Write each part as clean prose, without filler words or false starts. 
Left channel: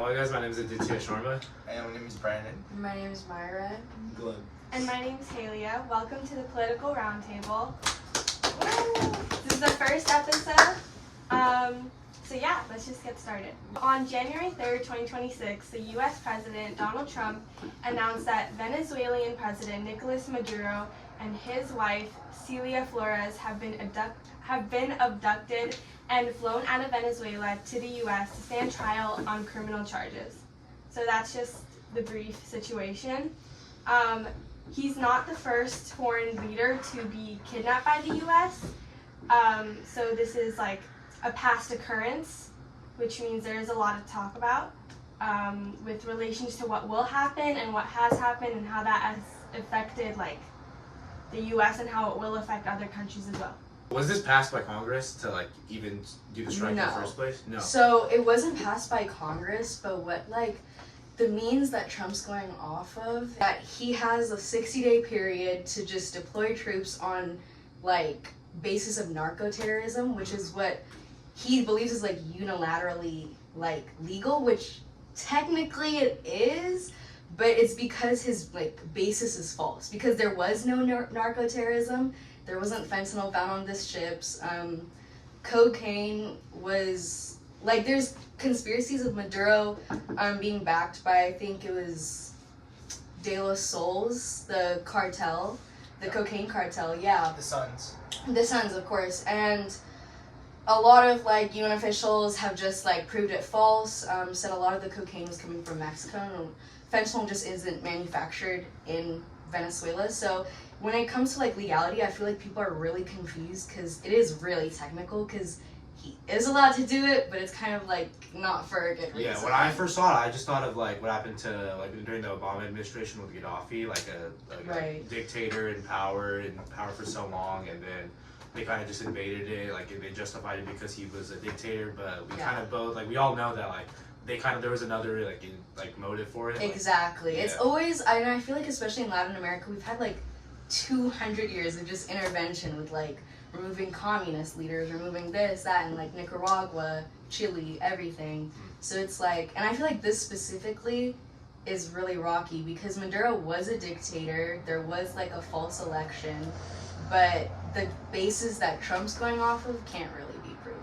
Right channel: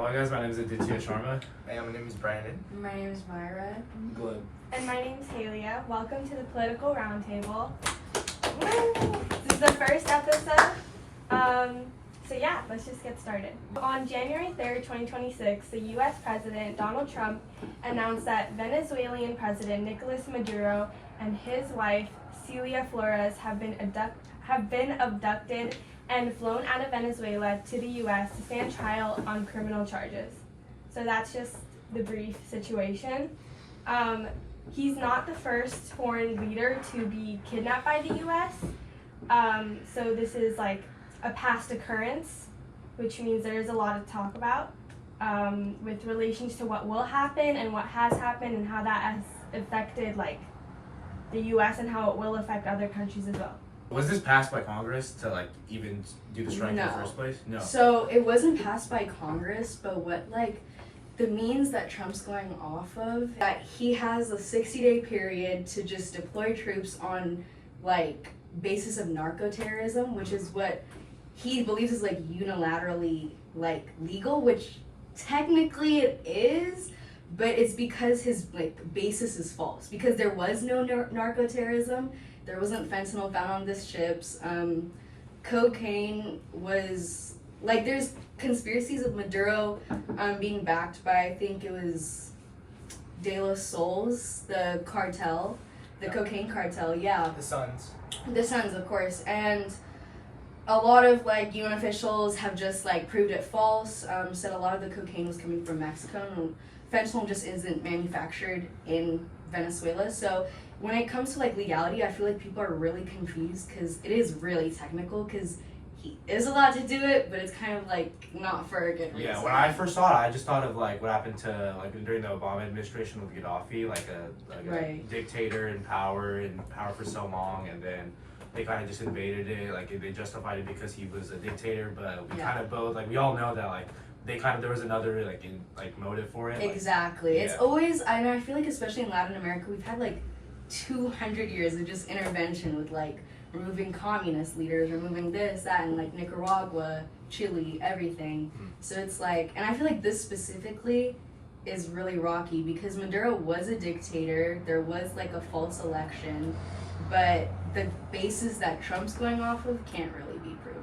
Hi guys, my name is Aditya Sharma. Hey, my name is Brandon. My name is Myra. Glib. And my name's Halia. Welcome to the Political Roundtable. This is the first episode. So yeah, let's just get started. On January 3rd, 2026, the U.S. President Donald Trump announced that Venezuelan President Nicolas Maduro and his wife Celia Flores have been abducted and flown out of Venezuela to the U.S. to stand trial on criminal charges. So that's just the brief situation. He's not the first foreign leader to be kidnapped by the U.S. So this is like a past occurrence, which means there's a lot to talk about with relations to what will happen and what has happened and how that has affected like the U.S. and how it will affect other countries as well. Was this passed by Congress to like even do the strike in the No. first place? No. So it wasn't passed by Congress, but what the means that Trump's going off of, that he has a 60-day period to just deploy troops on like basis of narco-terrorism, which is what he believes is like unilaterally like legal, which technically it is, but it's because his like basis is false, because there was no narco-terrorism. There wasn't fentanyl found on these ships. Cocaine was like, there's conspiracies of Maduro being backed by, I think it was De Los Sols, the cartel, the cocaine cartel. Yeah, The Suns. the Suns, of course. And a lot of like UN officials have just like proved it false. Said a lot of the cocaine was coming from Mexico, and fentanyl just isn't manufactured in Venezuela. So when it comes to like legality, I feel like people are really confused because it is really technical, because he is allowed to do it, but it's kind of like not for a good reason. Yeah, when I first saw it, I just thought of like what happened to like during the Obama administration with Gaddafi, like a Right. dictator in power for so long, and then they kind of just invaded it, like they justified it because he was a dictator, but we kind of both, like we all know that like they kind of, there was another like motive for it. Exactly. Like, It's always, I feel like especially in Latin America, we've had like 200 years of just intervention with like removing communist leaders, removing this, that, and like Nicaragua, Chile, everything. So it's like, and I feel like this specifically is really rocky because Maduro was a dictator, there was like a false election, but the basis that Trump's going off of can't really be proven.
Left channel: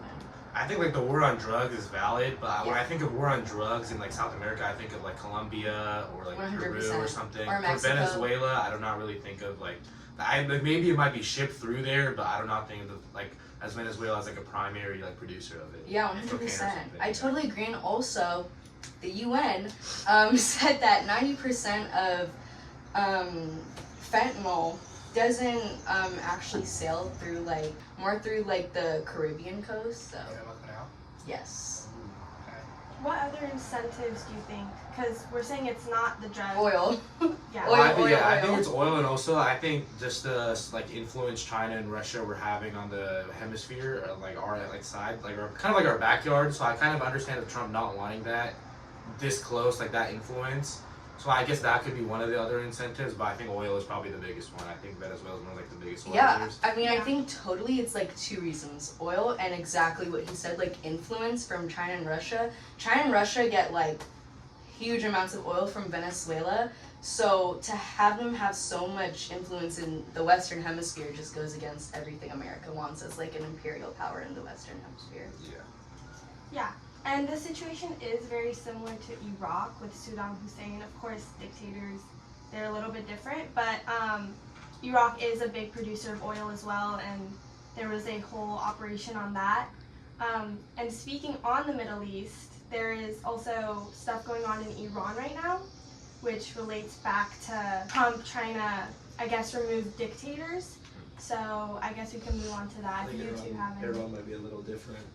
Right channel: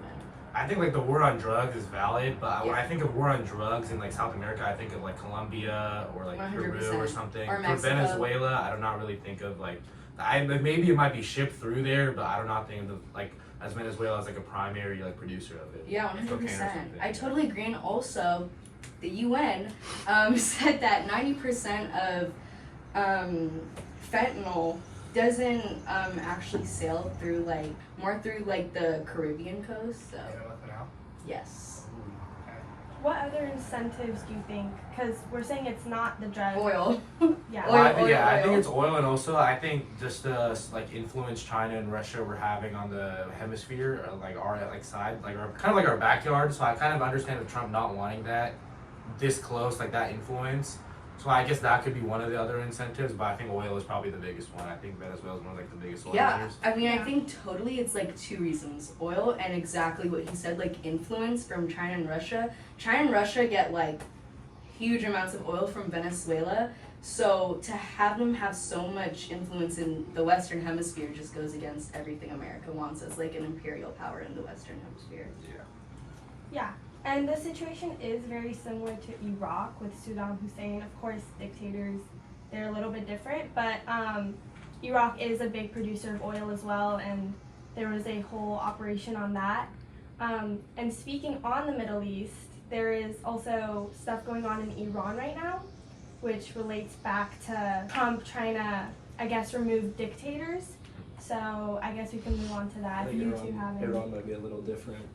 I think like the war on drugs is valid, but when I think of war on drugs in like South America, I think of like Colombia or like Peru 100%. or something. Or For Mexico. Venezuela, I do not really think of like, maybe it might be shipped through there, but I do not think of like as Venezuela as like a primary like producer of it. Yeah, Cocaine or 100%. something, I yeah. totally agree. And also, the UN said that 90% of fentanyl doesn't actually sail through like, more through like the Caribbean coast. So yes, What other incentives do you think? Because we're saying it's not the drug. oil. Yeah. Well, I think, Oil. I think it's oil, and also I think just the like influence China and Russia were having on the hemisphere, or like our like side, like our kind of like our backyard. So I kind of understand the Trump not wanting that this close, like that influence. So I guess that could be one of the other incentives, but I think oil is probably the biggest one. I think Venezuela is one of like the biggest oil Yeah, reserves. I mean, I think totally it's like two reasons. Oil and exactly what he said, like influence from China and Russia. China and Russia get like huge amounts of oil from Venezuela. So to have them have so much influence in the Western Hemisphere just goes against everything America wants as like an imperial power in the Western Hemisphere. Yeah. And the situation is very similar to Iraq with Saddam Hussein. Of course, dictators, they're a little bit different, but Iraq is a big producer of oil as well, and there was a whole operation on that. And speaking on the Middle East, there is also stuff going on in Iran right now, which relates back to Trump trying to, I guess, remove dictators. So I guess we can move on to that if you two have any. Iran might be a little different.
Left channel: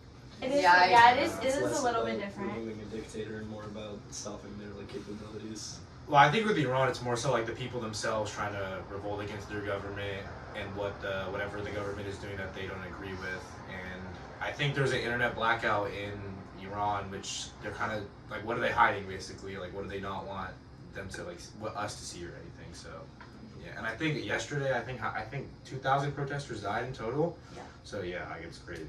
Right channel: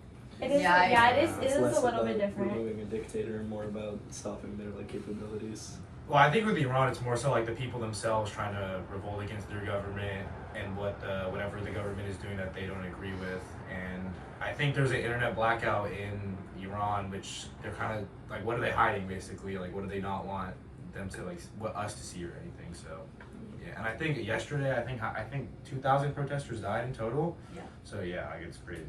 It is, Yeah, it It's is less a little bit about different. removing a dictator and more about stopping their like capabilities. Well, I think with Iran, it's more so like the people themselves trying to revolt against their government and whatever the government is doing that they don't agree with. And I think there's an internet blackout in Iran, which they're kind of like, what are they hiding basically? Like, what do they not want them to like, what us to see or anything? So, yeah. And I think yesterday, I think 2,000 protesters died in total. Yeah. So yeah, like it's crazy.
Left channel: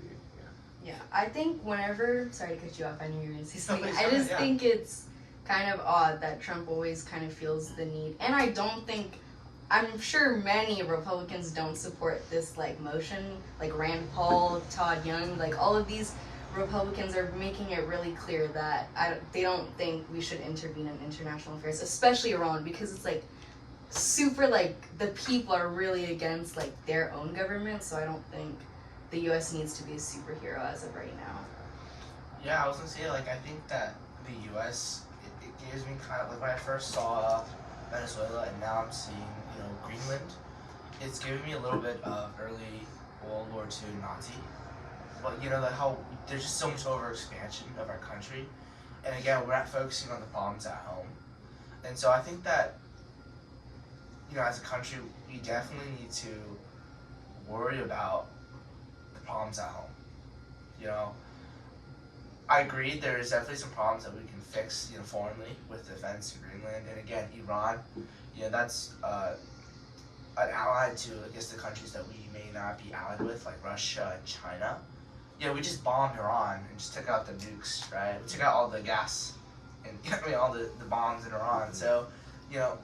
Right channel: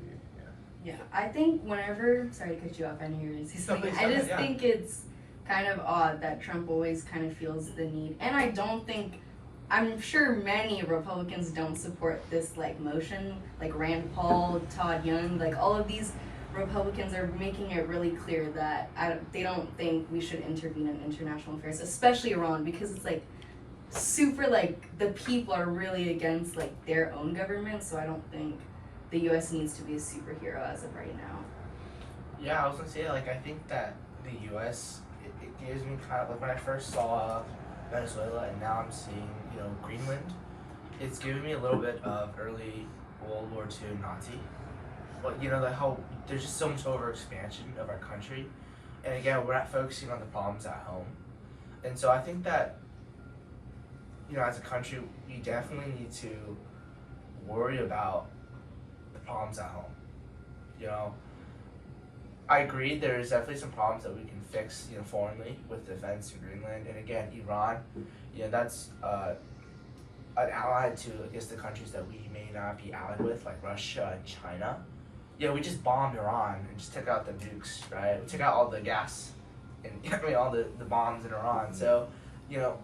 Yeah. Yeah, I think whenever, sorry to cut you off, I know you're gonna say something. please, I go just ahead, yeah. think it's kind of odd that Trump always kind of feels the need, and I don't think, I'm sure many Republicans don't support this like motion, like Rand Paul, Todd Young, like all of these Republicans are making it really clear that they don't think we should intervene in international affairs, especially Iran, because it's like super like the people are really against like their own government, so I don't think the U.S. needs to be a superhero as of right now. Yeah, I was gonna say, like, I think that the U.S., it gives me kind of, like, when I first saw Venezuela and now I'm seeing, you know, Greenland, it's giving me a little bit of early World War II Nazi. But, you know, like how there's just so much overexpansion of our country. And again, we're not focusing on the problems at home. And so I think that, you know, as a country, we definitely need to worry about the problems at home. You know, I agree there's definitely some problems that we can fix, you know, foreignly with defense in Greenland. And again, Iran, you know, that's an ally to, I guess, the countries that we may not be allied with, like Russia and China. Yeah, we just bombed Iran and just took out the nukes, right? We took out all the gas and I mean, all the bombs in Iran. So, you know,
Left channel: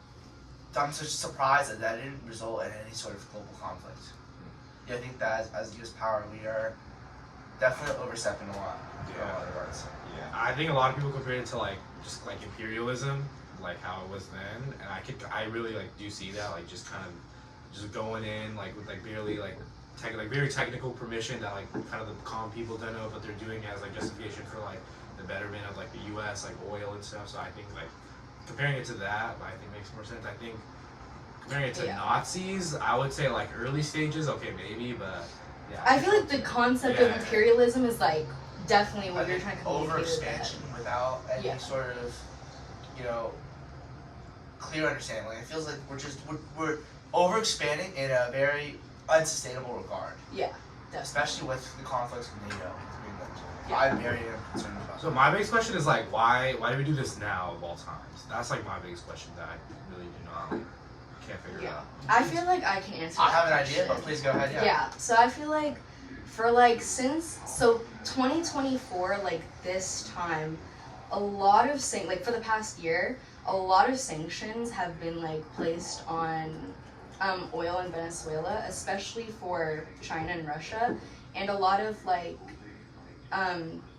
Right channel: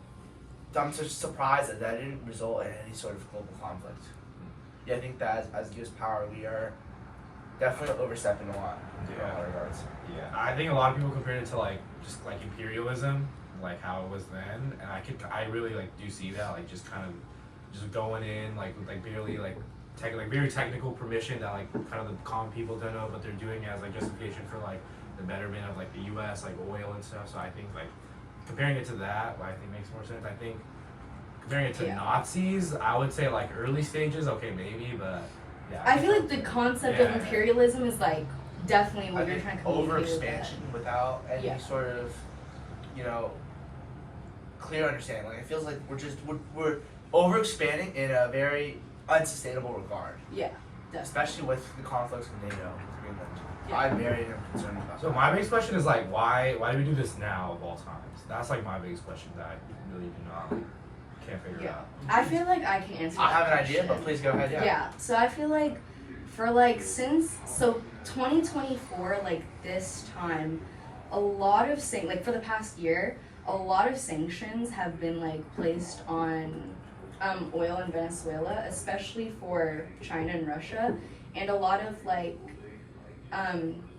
I'm just surprised that didn't result in any sort of global conflict. Yeah, I think that as U.S. power, we are definitely overstepping a lot in a lot of regards. Yeah, I think a lot of people compare it to like just like imperialism, like how it was then, and I really like do see that, like just kind of just going in like with like barely like very technical permission that like kind of the common people don't know, but they're doing it as like justification for like the betterment of like the U.S. like oil and stuff. So I think like comparing it to that, I think makes more sense. I think comparing it to Nazis, I would say like early stages, okay, maybe, but yeah. I feel like the concept of imperialism is like definitely what you're trying to communicate with that. Overexpansion without any sort of, you know, clear understanding. Like it feels like we're overexpanding in a very unsustainable regard. Yeah, definitely. Especially with the conflicts with NATO, with Greenland. Yeah. I'm very concerned about So that. my biggest question is like why do we do this now of all times? That's like my biggest question that I really do not like, can't figure out. I feel like I can answer I that have an question. idea, but please go ahead. Yeah, so I feel like for like since 2024, like this time, a lot of like for the past year, a lot of sanctions have been like placed on oil in Venezuela, especially for China and Russia, and a lot of like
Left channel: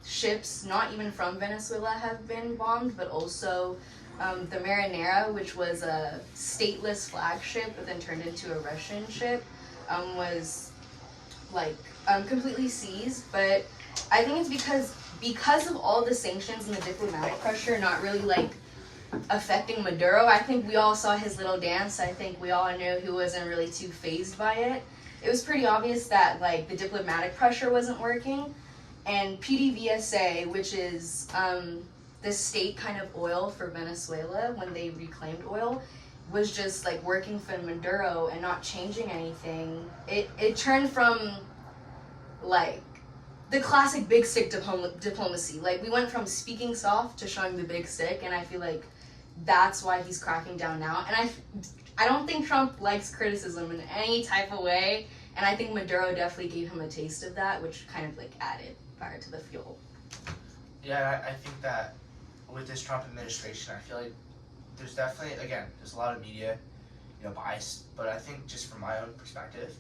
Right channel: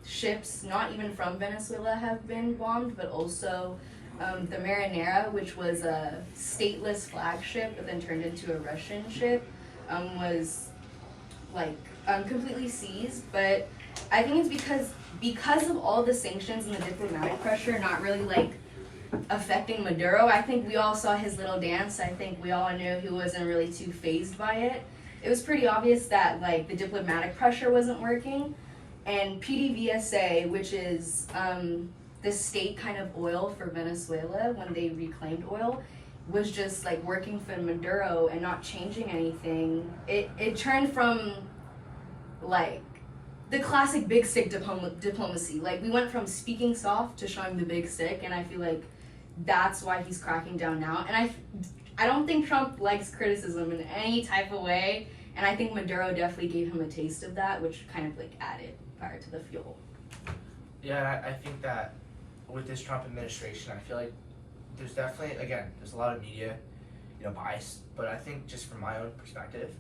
ships not even from Venezuela have been bombed, but also the Marinera, which was a stateless flagship but then turned into a Russian ship, was like completely seized. But I think it's because of all the sanctions and the diplomatic pressure not really like affecting Maduro. I think we all saw his little dance. I think we all knew he wasn't really too fazed by it. It was pretty obvious that like the diplomatic pressure wasn't working, and PDVSA, which is the state kind of oil for Venezuela when they reclaimed oil, was just like working for Maduro and not changing anything. It turned from like the classic big stick diplomacy. Like we went from speaking soft to showing the big stick, and I feel like that's why he's cracking down now. And I don't think Trump likes criticism in any type of way, and I think Maduro definitely gave him a taste of that, which kind of like added fire to the fuel. Yeah, I think that with this Trump administration, I feel like there's definitely, again, there's a lot of media, you know, bias, but I think just from my own perspective,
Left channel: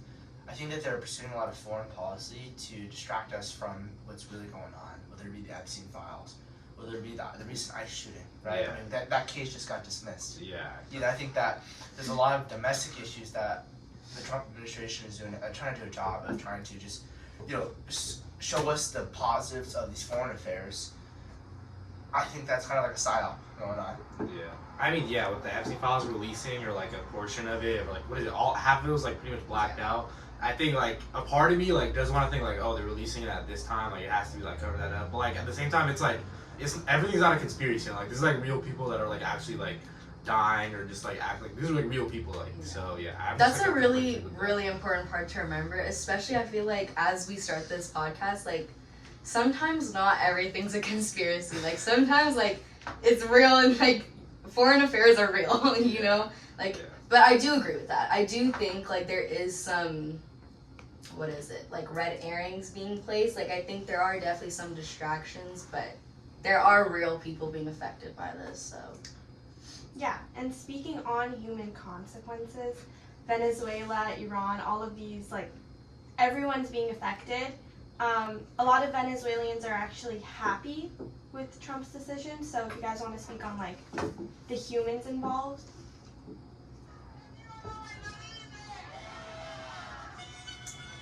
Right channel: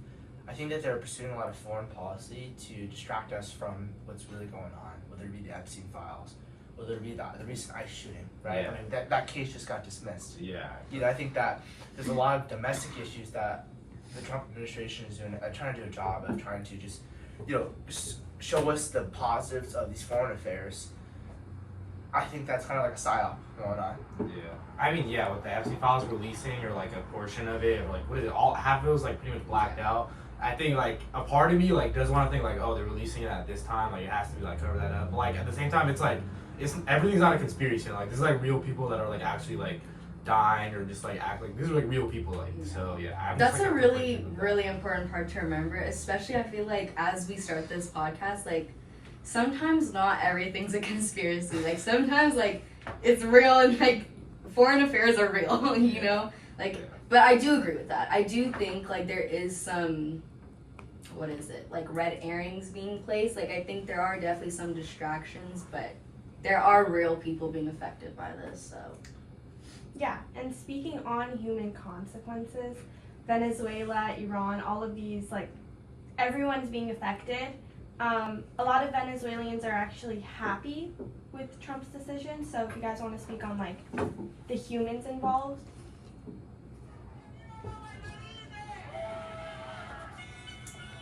I think that they're pursuing a lot of foreign policy to distract us from what's really going on, whether it be the Epstein files, whether it be the recent ICE shooting, right? Yeah. I mean, that case just got dismissed. Yeah. You know, I think that there's a lot of domestic issues that the Trump administration is doing, trying to do a job of trying to just, you know, show us the positives of these foreign affairs. I think that's kind of like a psyop going on. Yeah. I mean, yeah, with the Epstein files releasing or like a portion of it, or like what is it? All half of it was like pretty much blacked out. I think like a part of me like doesn't want to think like, oh, they're releasing it at this time, like it has to be like cover that up. But like at the same time, it's like everything's not a conspiracy. Like this is like real people that are like actually like dying or just like act like these are like real people. Like so yeah. That's a really important part to remember, especially I feel like as we start this podcast, like sometimes not everything's a conspiracy. Like sometimes like it's real and like foreign affairs are real, you know? Like but I do agree with that. I do think like there is some what is it, like red earrings being placed. Like I think there are definitely some distractions, but there are real people being affected by this, so. Yeah, and speaking on human consequences, Venezuela, Iran, all of these, like, everyone's being affected. A lot of Venezuelans are actually happy with Trump's decision, so if you guys want to speak on, like, the humans involved.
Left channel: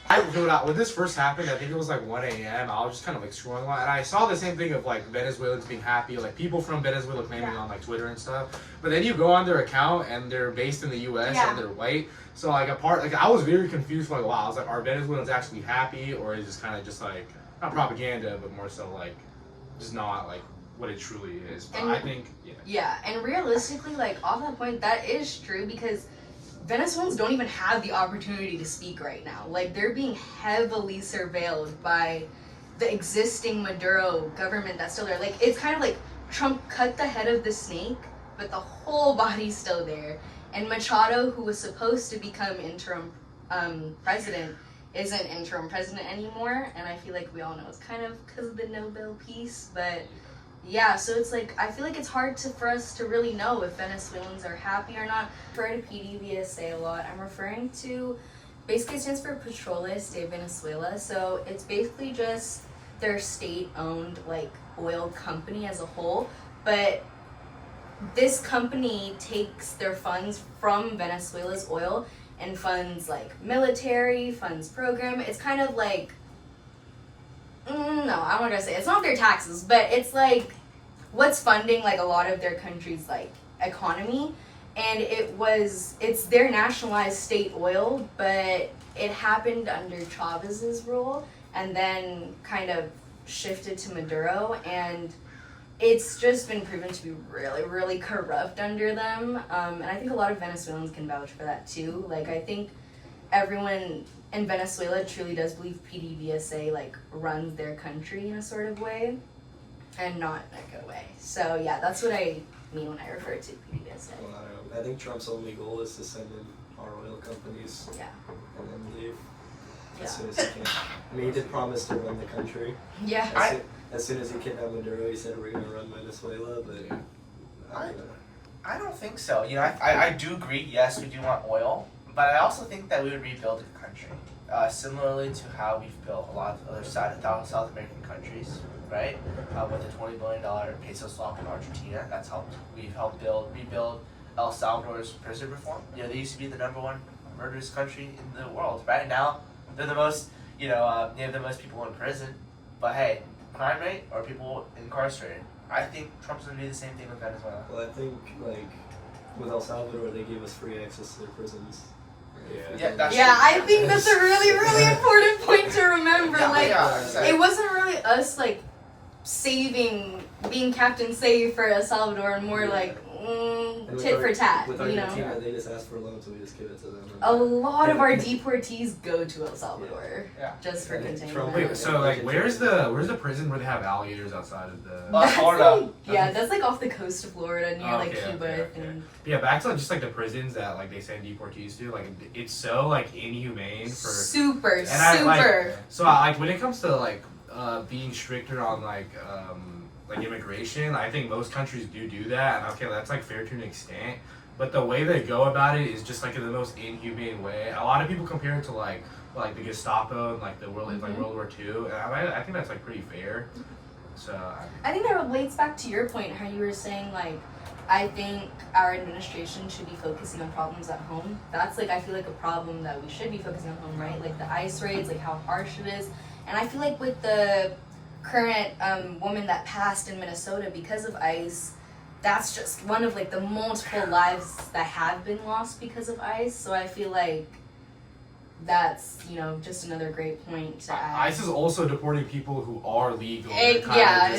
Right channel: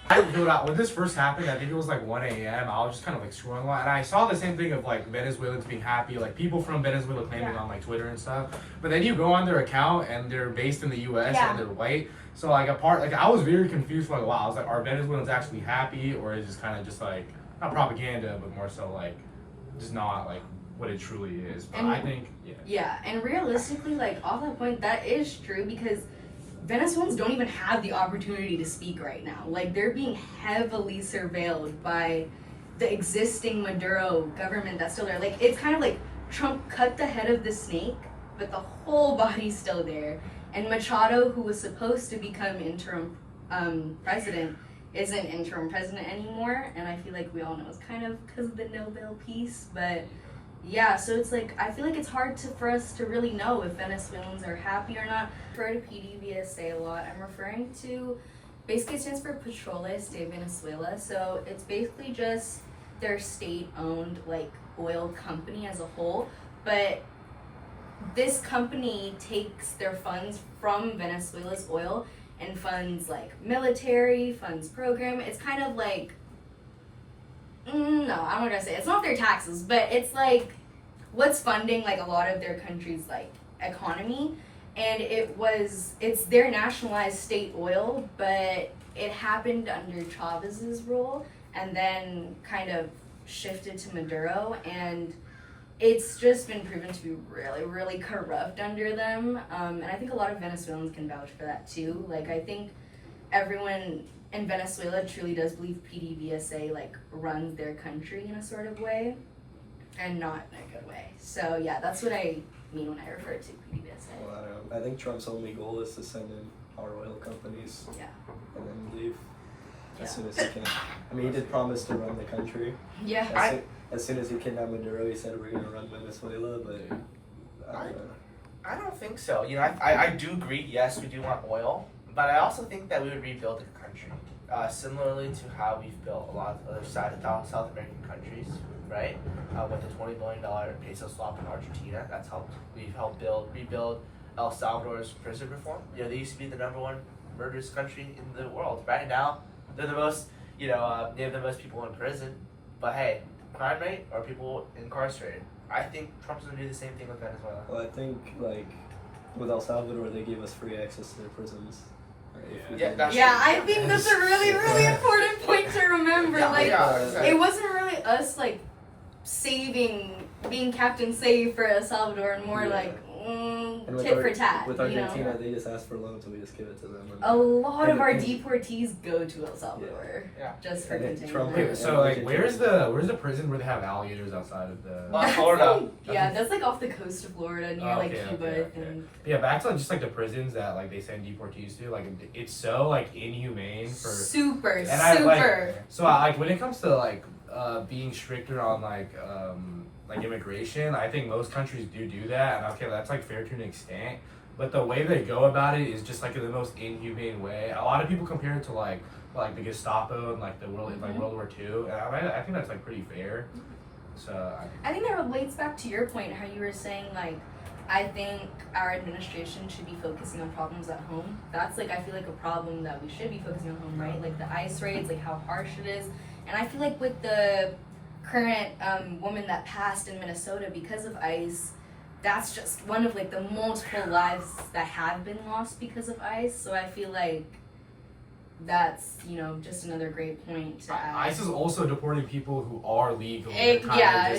When this first happened, I think it was like 1 a.m. I was just kind of like scrolling along, and I saw the same thing of like Venezuelans being happy, like people from Venezuela claiming on like Twitter and stuff. But then you go on their account and they're based in the U.S. and they're white. So like I was very confused for like a while. I was like, are Venezuelans actually happy, or is this kind of just like not propaganda, but more so like just not like what it truly is? But I think and realistically, like off that point, that is true because Venezuelans don't even have the opportunity to speak right now. Like, they're being heavily surveilled by the existing Maduro government that's still there. Like, it's kind of like Trump cut the head of the snake, but the whole body's still there. And Machado, who was supposed to become interim president, isn't interim president anymore. And I feel like we all know it's kind of because of the Nobel Peace, but yeah, so it's like, I feel like it's hard for us to really know if Venezuelans are happy or not. I refer to PDVSA a lot. I'm referring to, basically it stands for Petroles de Venezuela. So it's basically just their state-owned like oil company as a whole. But this company takes their funds from Venezuela's oil and funds like military, funds program. It's kind of like, no, I'm not gonna say it's not their taxes, but it's like what's funding like a lot of their country's like economy, and it's their nationalized state oil, but it happened under Chavez's rule and then kind of shifted to Maduro, and it's just been proven to be really, really corrupt under them. And I think a lot of Venezuelans can vouch for that too. Like I think everyone in Venezuela truly does believe PDVSA like runs their country in a sort of way, and not in a good way. So yeah, that's what I mean when I refer to PDVSA. Well, I don't know. I think Trump's only goal is to send in our oil companies and then leave as soon as he can. I mean, he did promise to run the country. Yeah. As soon as he kidnapped Maduro, he said we're gonna run Venezuela, but I don't know. I don't think so. You know, I do agree. Yes, we do want oil, but I also think that we would rebuild the country, similarly to how we've built a lot of other South American countries, right? With the $20 billion peso swap in Argentina, that's helped. We've helped rebuild El Salvador's prison reform. You know, they used to be the #1 murderous country in the world. Right now, they're the most. You know, they have the most people in prison. But hey, crime rate or people incarcerated. I think Trump's gonna do the same thing with Venezuela. Well, I think like with El Salvador, they gave us free access to their prisons. I think that's a really, really important point to remember. It wasn't really us like being Captain Save for El Salvador, and more like tit for tat. With Argentina, they just ask for loans, so we just give it to them. A lot of our deportees go to El Salvador, just for continuing. Wait, so like, where's the prison where they have alligators outside of the? Florida. Yeah, that's like off the coast of Florida near Cuba. I think. Yeah, back to like, just like the prisons that like they send deportees to, like it's so like inhumane for super. So like when it comes to like being stricter on like immigration, I think most countries do that, and okay, that's like fair to an extent. But the way they go about it is just like in the most inhumane way. A lot of people compare it to like the Gestapo and like World War II, and I think that's like pretty fair. So I think that relates back to your point, how you were saying like, I think our administration should be focusing on problems at home. That's like, I feel like a problem that we should be focusing on home, right? Like the ICE raids, like how harsh it is. And I feel like with the current woman that passed in Minnesota because of ICE, that's just one of like the multiple lives that have been lost because of ICE. So I feel like that's, you know, just another great point to add. ICE is also deporting people who are legal. It's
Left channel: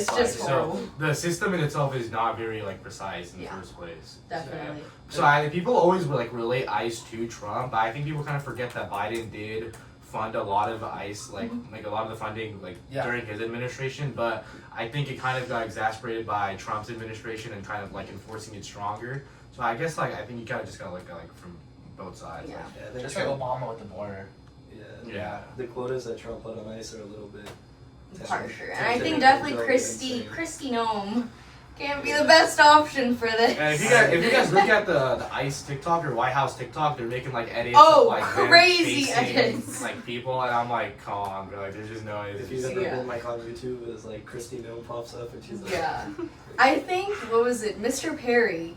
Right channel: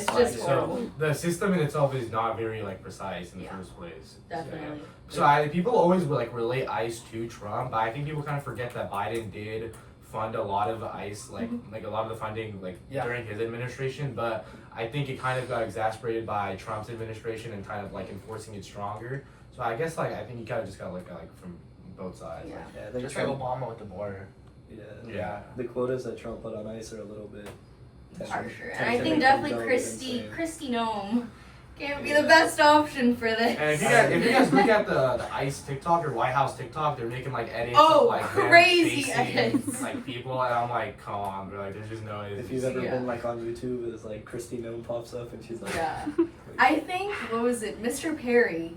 just horrible. So the system in itself is not very like precise in the first place. Definitely. So people always like relate ICE to Trump, but I think people kind of forget that Biden did fund a lot of ICE, like a lot of the funding during his administration, but I think it kind of got exacerbated by Trump's administration and kind of like enforcing it stronger. So I guess I think you kind of just gotta look at like from both sides. Yeah. Just like Obama with the border. Yeah. The quotas that Trump put on ICE are a little bit harsher. And Tend I to think make them definitely go Christy Nome can't be the best option for this. And if you guys look at the ICE TikTok or White House TikTok, they're making like edits Oh, of like them crazy chasing, edits. like people, and I'm like, come on, bro, like there's just no. If you've ever Yeah. been like on YouTube, it's like Christy Nome pops up and she's like, Yeah. I think, what was it, Mr. Perry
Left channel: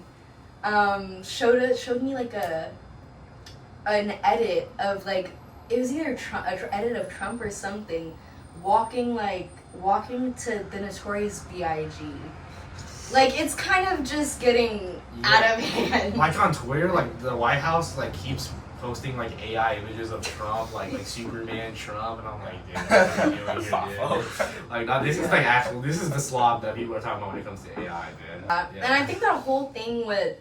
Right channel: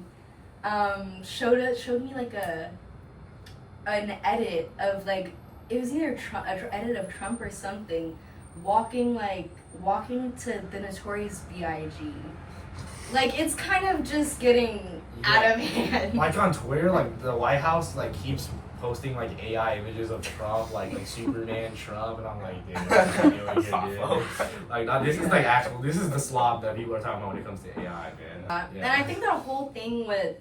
showed me like an edit of like, it was either an edit of Trump or something, walking to the Notorious B.I.G. Like, it's kind of just getting out of hand. Like on Twitter, like the White House like keeps posting like AI images of Trump, like Superman Trump, and I'm like, dude, what are you doing here, dude? Like, now this is like actual, this is the slob that people are talking about when it comes to AI, man. And I think that whole thing with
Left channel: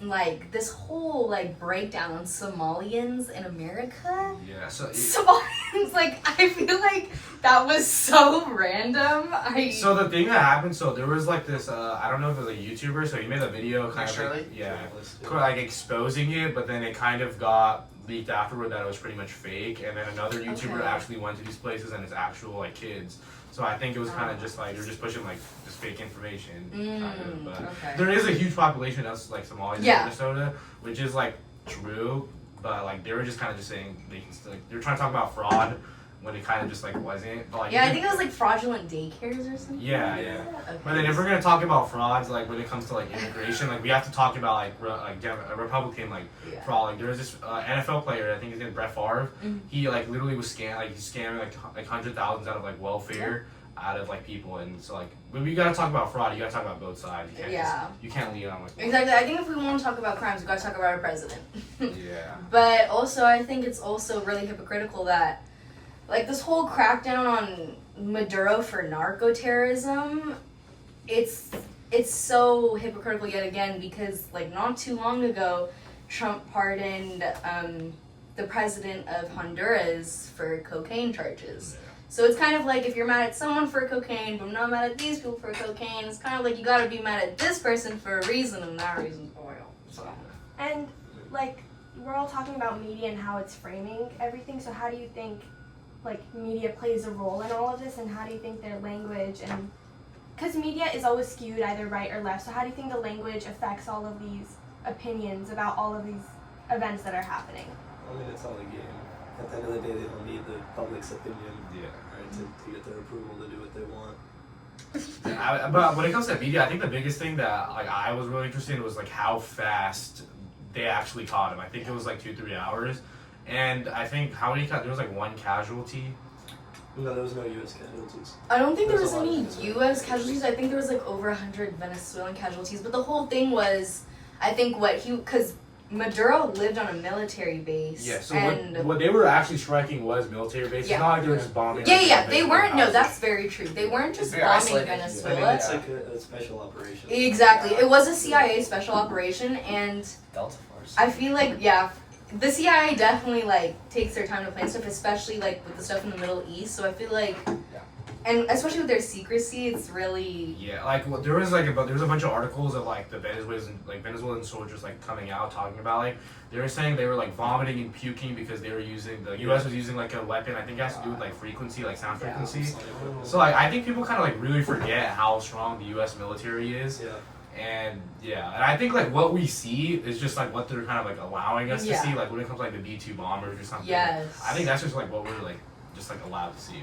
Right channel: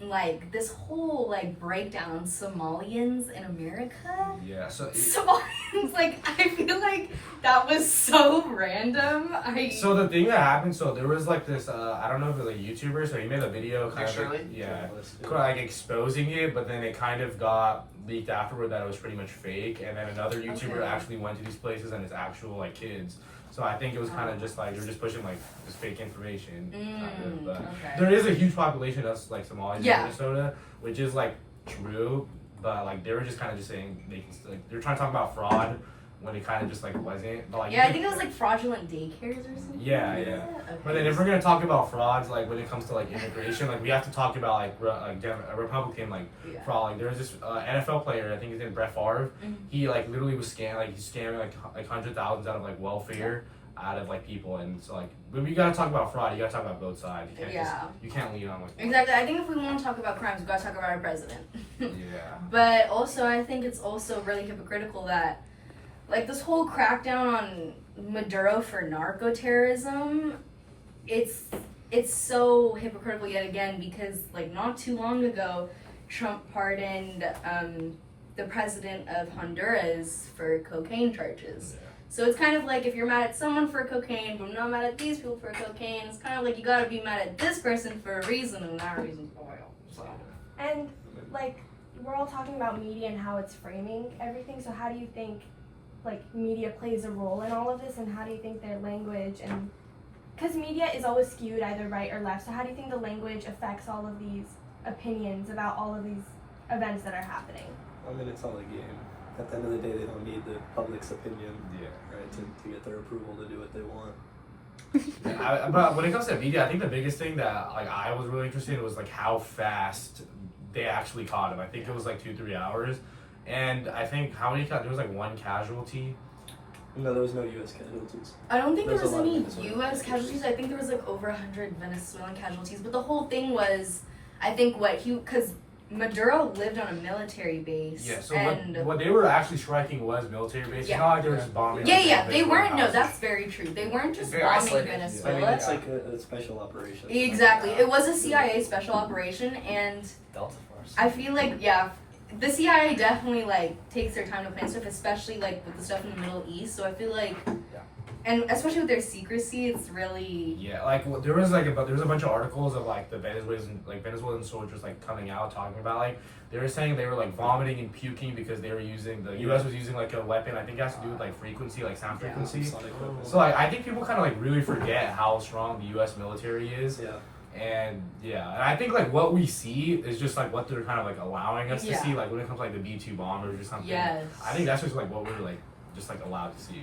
like this whole like breakdown on Somalians in America. Yeah, so Somalians, like, I feel like that was so random. So the thing that happened, so there was like this, I don't know if it was a YouTuber, so he made a video kind of like, like exposing it, but then it kind of got leaked afterward that it was pretty much fake, and then another YouTuber actually went to these places and it's actual like kids. So I think it was kind of just like, they're just pushing like just fake information, kind of, but there is a huge population of like Somalis in Minnesota, which is like true, but like they were just kind of just saying they can still, like, they're trying to talk about fraud when it kind of just like wasn't. But, like, I think it was like fraudulent daycares or something. Yeah. Okay. But then if we're gonna talk about frauds, like when it comes to like immigration, like we have to talk about like a Republican like fraud. Like there was this NFL player, I think his name is Brett Favre. He like literally was scamming like hundred thousands out of like welfare. Out of like people, and so like when we gotta talk about fraud, you gotta talk about both sides. You can't you can't lean on like exactly. I think if we want to talk about crimes, we gotta talk about our president. But also, I think it's also really hypocritical that like this whole crackdown on Maduro for narco-terrorism, it's so hypocritical yet again, because like not too long ago, Trump pardoned the president of Honduras for cocaine charges. So it's kind of like, if you're mad at someone for cocaine, but I'm not mad at these people for cocaine, it's kind of like you gotta be mad at this person for a reason, and that reason's oil. So. And like, we're all talking about media and how it's framing everything, so how do you think like media plays a role in all of this, and how do you think their language, and because media is always skewed either right or left, so how do you think the language affects all of these opinions about all of these events that are happening? I mean, it's all a game. At the end of the day, they don't need the public's opinion, right, to get their approval to do what they want. But when it comes to media, I think the biggest thing that like I was really interested in was like how fast they actually caught him. I think it was like 2-3 hours, and I think there was like one casualty. No, there was no U.S. casualties. I don't think there was a lot of any Venezuelan U.S. casualties. I think there was like over 100 Venezuelan casualties. But the whole thing was, I think because Maduro lived on a military base. Yeah, so what they were actually striking was military bases. It's not like they were just bombing. They weren't. No, that's very true. They weren't just bombing isolated. Venezuela. I mean, it's like a special operation. Exactly. It was a CIA special operation, and Delta Force. I feel like, the CIA definitely like takes their time to plan stuff, especially like with the stuff in the Middle East. So I feel like, and especially with their secrecy, it's really there was a bunch of articles of like the Venezuelan soldiers like coming out talking about like they were saying they were like vomiting and puking because they were using the U.S. was using like a weapon. I think it has to do with like frequency, like sound frequency. So like I think people kind of like really forget how strong the U.S. military is. And I think like what we see is just like what they're kind of like allowing us to see, like when it comes to like the B-2 bombers or something. I think that's just like what we're like just like allowed to see.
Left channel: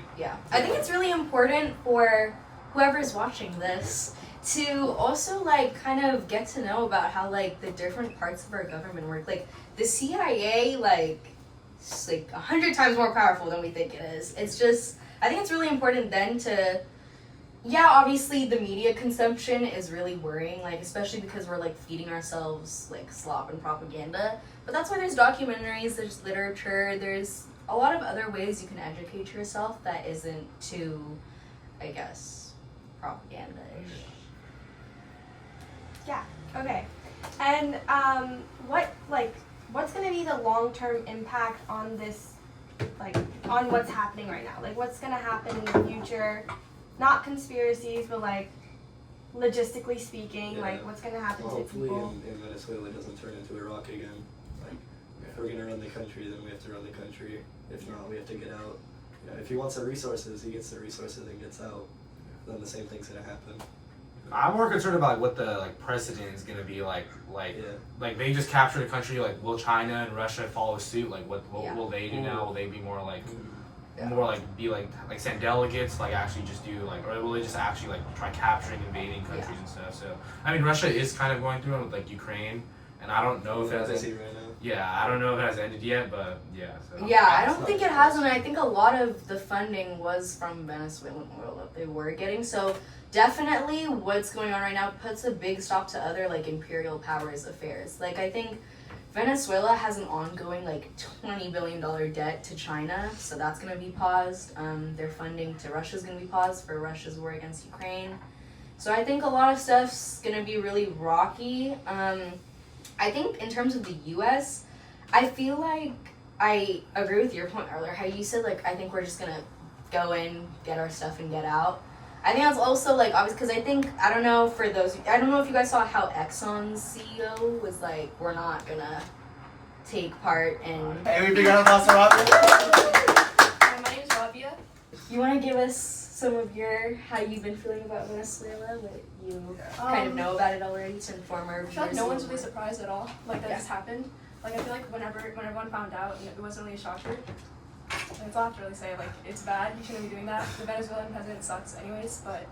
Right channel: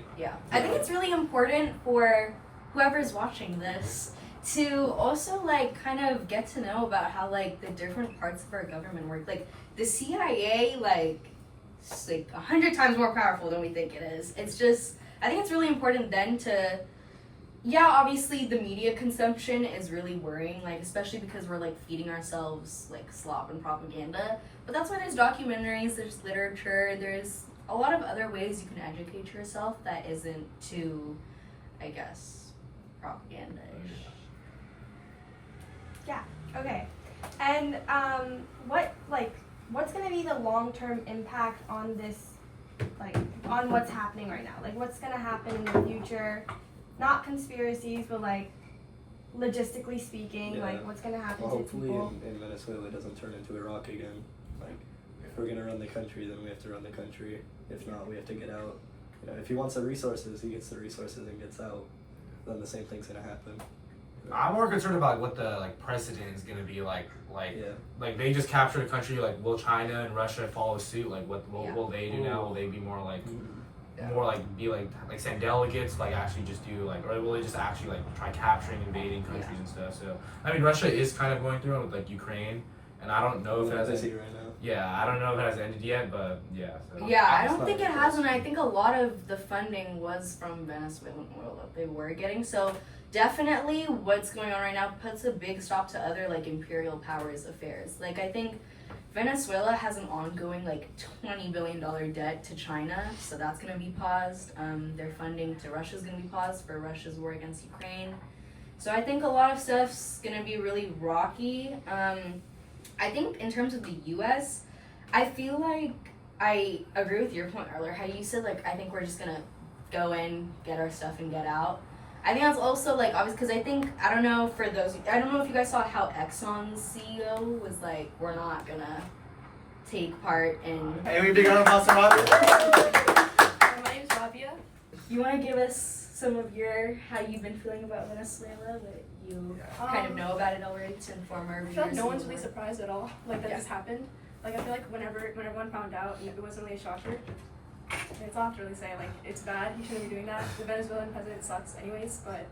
I think it's really important for whoever's watching this to also like kind of get to know about how like the different parts of our government work. Like the CIA, like it's like 100 times more powerful than we think it is. It's just, I think it's really important then to, obviously the media consumption is really worrying, like especially because we're like feeding ourselves like slop and propaganda. But that's why there's documentaries, there's literature, there's a lot of other ways you can educate yourself that isn't too, I guess, propaganda-ish. Yeah. Okay. And what's gonna be the long-term impact on this, like on what's happening right now? Like what's gonna happen in the future? Not conspiracies, but like logistically speaking, like what's gonna happen to people? Hopefully in Venezuela it doesn't turn into Iraq again. Like if we're gonna run the country, then we have to run the country If not, we have to get out. You know, if he wants the resources, he gets the resources and gets out. Then the same thing's gonna happen. I'm more concerned about what the like precedent is gonna be like Yeah. like they just captured a country, like will China and Russia follow suit? Like what Yeah. will they do now? Will they be more like Yeah. more like be like send delegates, like actually just do like, or will they just actually like try capturing, invading countries and stuff? So I mean Russia is kind of going through it with like Ukraine, and I don't know if As I that's see right now. I don't know if it has ended yet, but yeah. So. Yeah, I don't It's think not it has, and I think a lot of the funding was from Venezuelan oil that they were getting. So definitely, what's going on right now puts a big stop to other like imperial powers affairs. Like I think Venezuela has an ongoing like $20 billion debt to China, so that's gonna be paused. Their funding to Russia's gonna be paused for Russia's war against Ukraine. So I think a lot of stuff's gonna be really rocky. I think in terms of the U.S., I feel like I agree with your point earlier, how you said, like, I think we're just gonna go in, get our stuff, and get out. I think that's also, like, obvious, because I think, I don't know if you guys saw how Exxon's CEO was like, we're not gonna take part in... Hey, we big round of applause for Rabia. My name is Rabia. You want to give us some of how you've been feeling about Venezuela, what you kind of know about it already, to inform our I viewers? feel like no one's really more? surprised at all, like that Yeah. this happened. Like I feel like when everyone found out, it wasn't really a shocker. Like, it's all I have to really say, like it's bad, you shouldn't be doing that. The Venezuelan president sucks anyways, but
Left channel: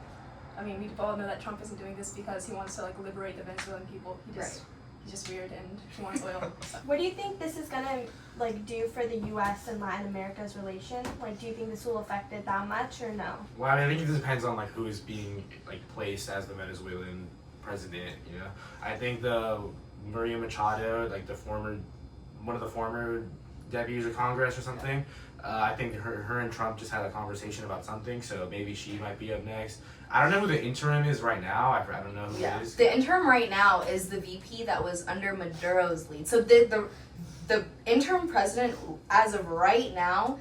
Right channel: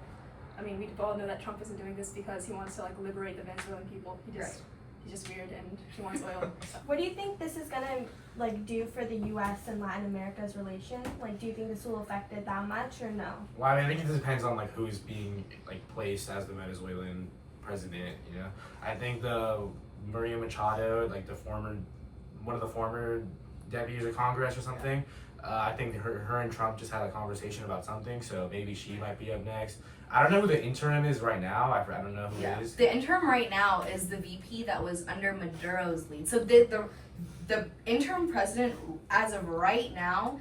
I mean we all know that Trump isn't doing this because he wants to like liberate the Venezuelan people. He's just weird and he wants oil. What do you think this is gonna like do for the U.S. and Latin America's relation? Like, do you think this will affect it that much or no? Well, I think it depends on like who is being like placed as the Venezuelan president. You know, I think the Maria Machado, like one of the former deputies of Congress or something. I think her and Trump just had a conversation about something, so maybe she might be up next. I don't know who the interim is right now. I don't know who it is. The interim right now is the VP that was under Maduro's lead. So the interim president as of right now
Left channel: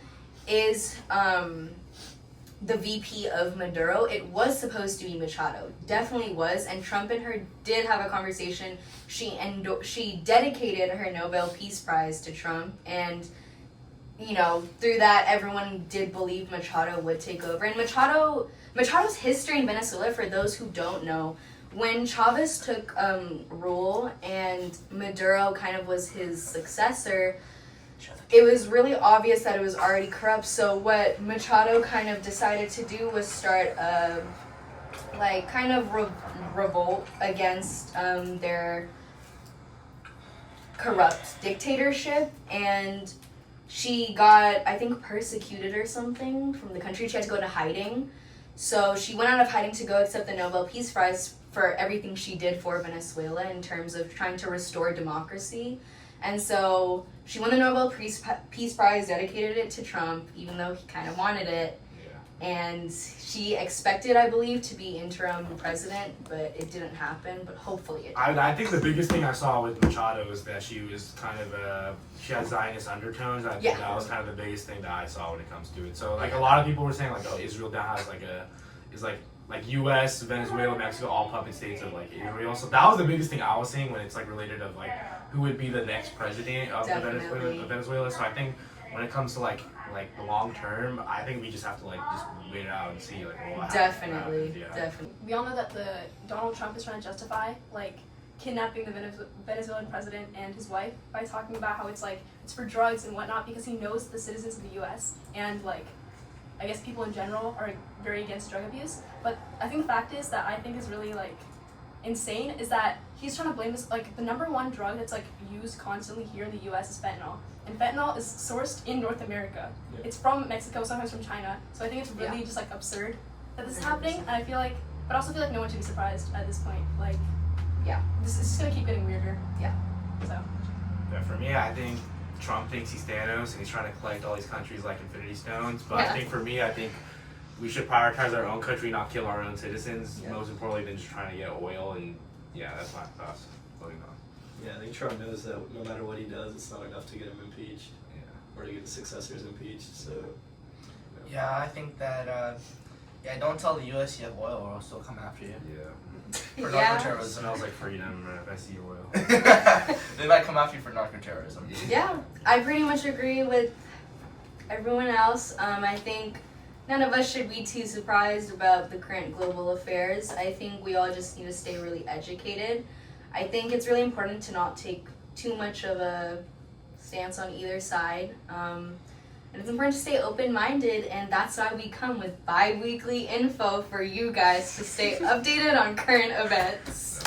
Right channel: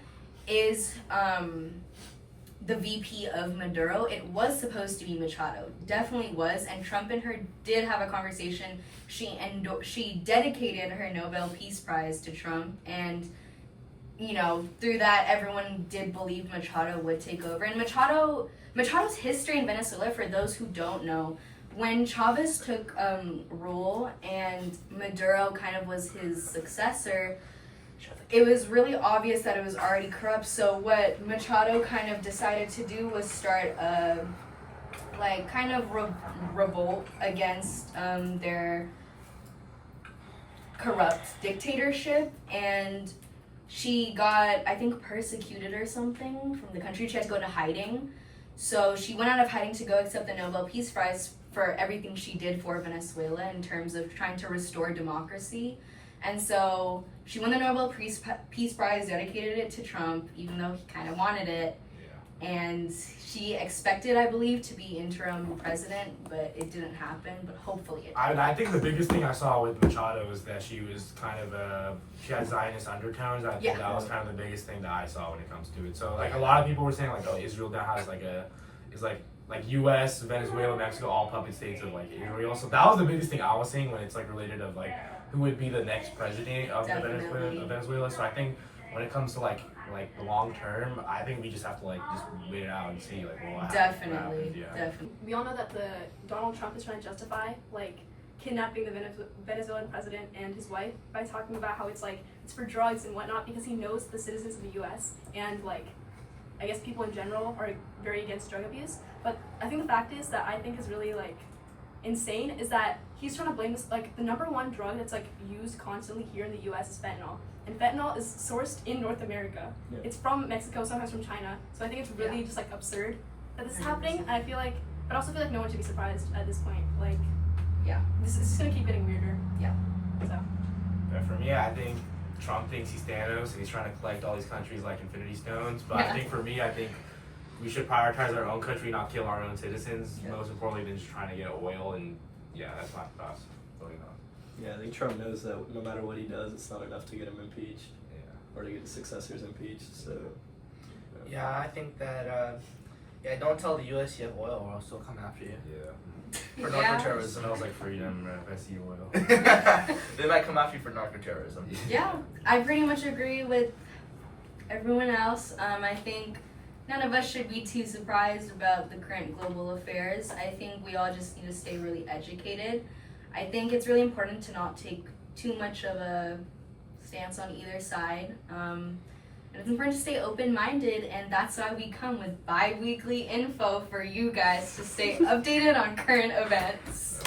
is the VP of Maduro. It was supposed to be Machado. Definitely was. And Trump and her did have a conversation. She dedicated her Nobel Peace Prize to Trump, and you know, through that everyone did believe Machado would take over. And Machado's history in Venezuela, for those who don't know, when Chavez took rule and Maduro kind of was his successor, it was really obvious that it was already corrupt. So what Machado kind of decided to do was start a revolt against their corrupt dictatorship, and she got, I think, persecuted or something from the country. She had to go into hiding. So she went out of hiding to go accept the Nobel Peace Prize for everything she did for Venezuela in terms of trying to restore democracy. And so she won the Nobel Peace Prize, dedicated it to Trump, even though he kind of wanted it. And she expected, I believe, to be interim president, but it didn't happen, but hopefully it did. I think the biggest thing I saw with Machado was that she was kind of she had Zionist undertones. I think that was kind of the biggest thing that I saw when it comes to it. So like a lot of people were saying like, oh, Israel now has like U.S., Venezuela, Mexico, all puppet states of like Israel. So that was the biggest thing I was seeing when it's like related of like who would be the next president of Venezuela. So I think when it comes to like the long term, I think we just have to like just wait it out and see like what happens. Definitely. We all know that Donald Trump is trying to justify like kidnapping the Venezuelan president and his wife by talking about how it's for drugs and whatnot, because he knows the citizens of the U.S. and like I guess people in general are very against drug abuse. But I think the fact is that I think is really like insane is that he's trying to blame this, like the number one drug that's like used constantly here in the U.S. is fentanyl, and fentanyl is sourced in North America. Yeah. It's from Mexico, sometimes from China. So I think it's really just like absurd that this is happening, and I feel like, but I also feel like no one should be surprised at this point. Like, this is just gonna keep getting weirder. So. Yeah, for me, I think Trump thinks he's Thanos and he's trying to collect all these countries like Infinity Stones. But I think for me, I think we should prioritize our own country, not kill our own citizens. Most importantly than just trying to get oil. And that's my thoughts. Voting on. Yeah, I think Trump knows that no matter what he does, it's not enough to get him impeached. Or to get his successors impeached. So. Yeah, I think that. Don't tell the U.S. you have oil, or I'll still come after you. For narco-terrorism. Smells like freedom if I see oil. They might come after you for narco-terrorism. Yeah, I pretty much agree with everyone else, I think none of us should be too surprised about the current global affairs. I think we all just need to stay really educated. I think it's really important to not take too much of a stance on either side. And it's important to stay open-minded, and that's why we come with bi-weekly info for you guys to stay updated on current events.